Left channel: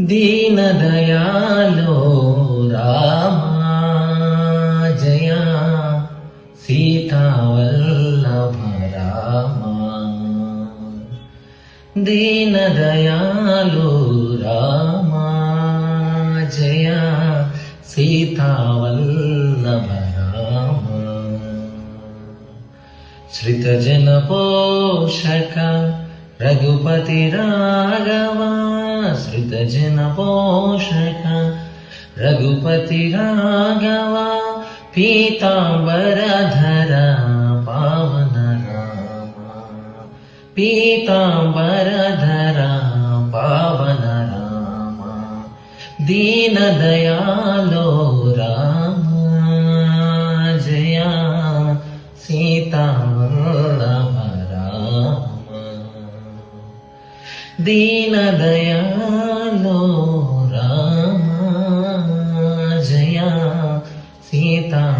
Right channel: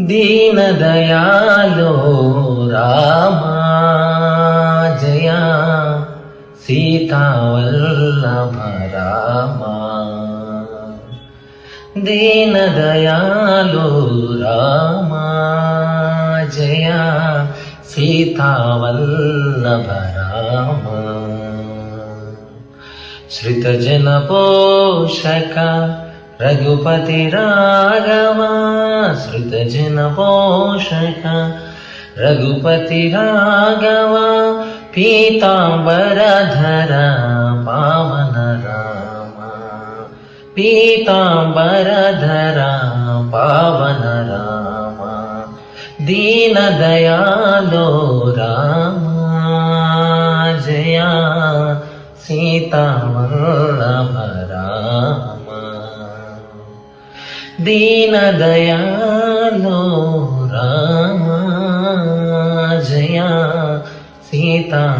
दीन दयालो रामा जया सीता वल्लभ रामा। दीन दयालो रामा जया सीता वल्लभ रामा। श्रित जन पोषक रघुपति राघव, श्रित जन पोषक रघुपति राघव। पीतांबरधर पावन राम, पीतांबरधर पावन राम। दीन दयालो राम जया सीता वल्लभ राम। दीन दयालो राम जया सीता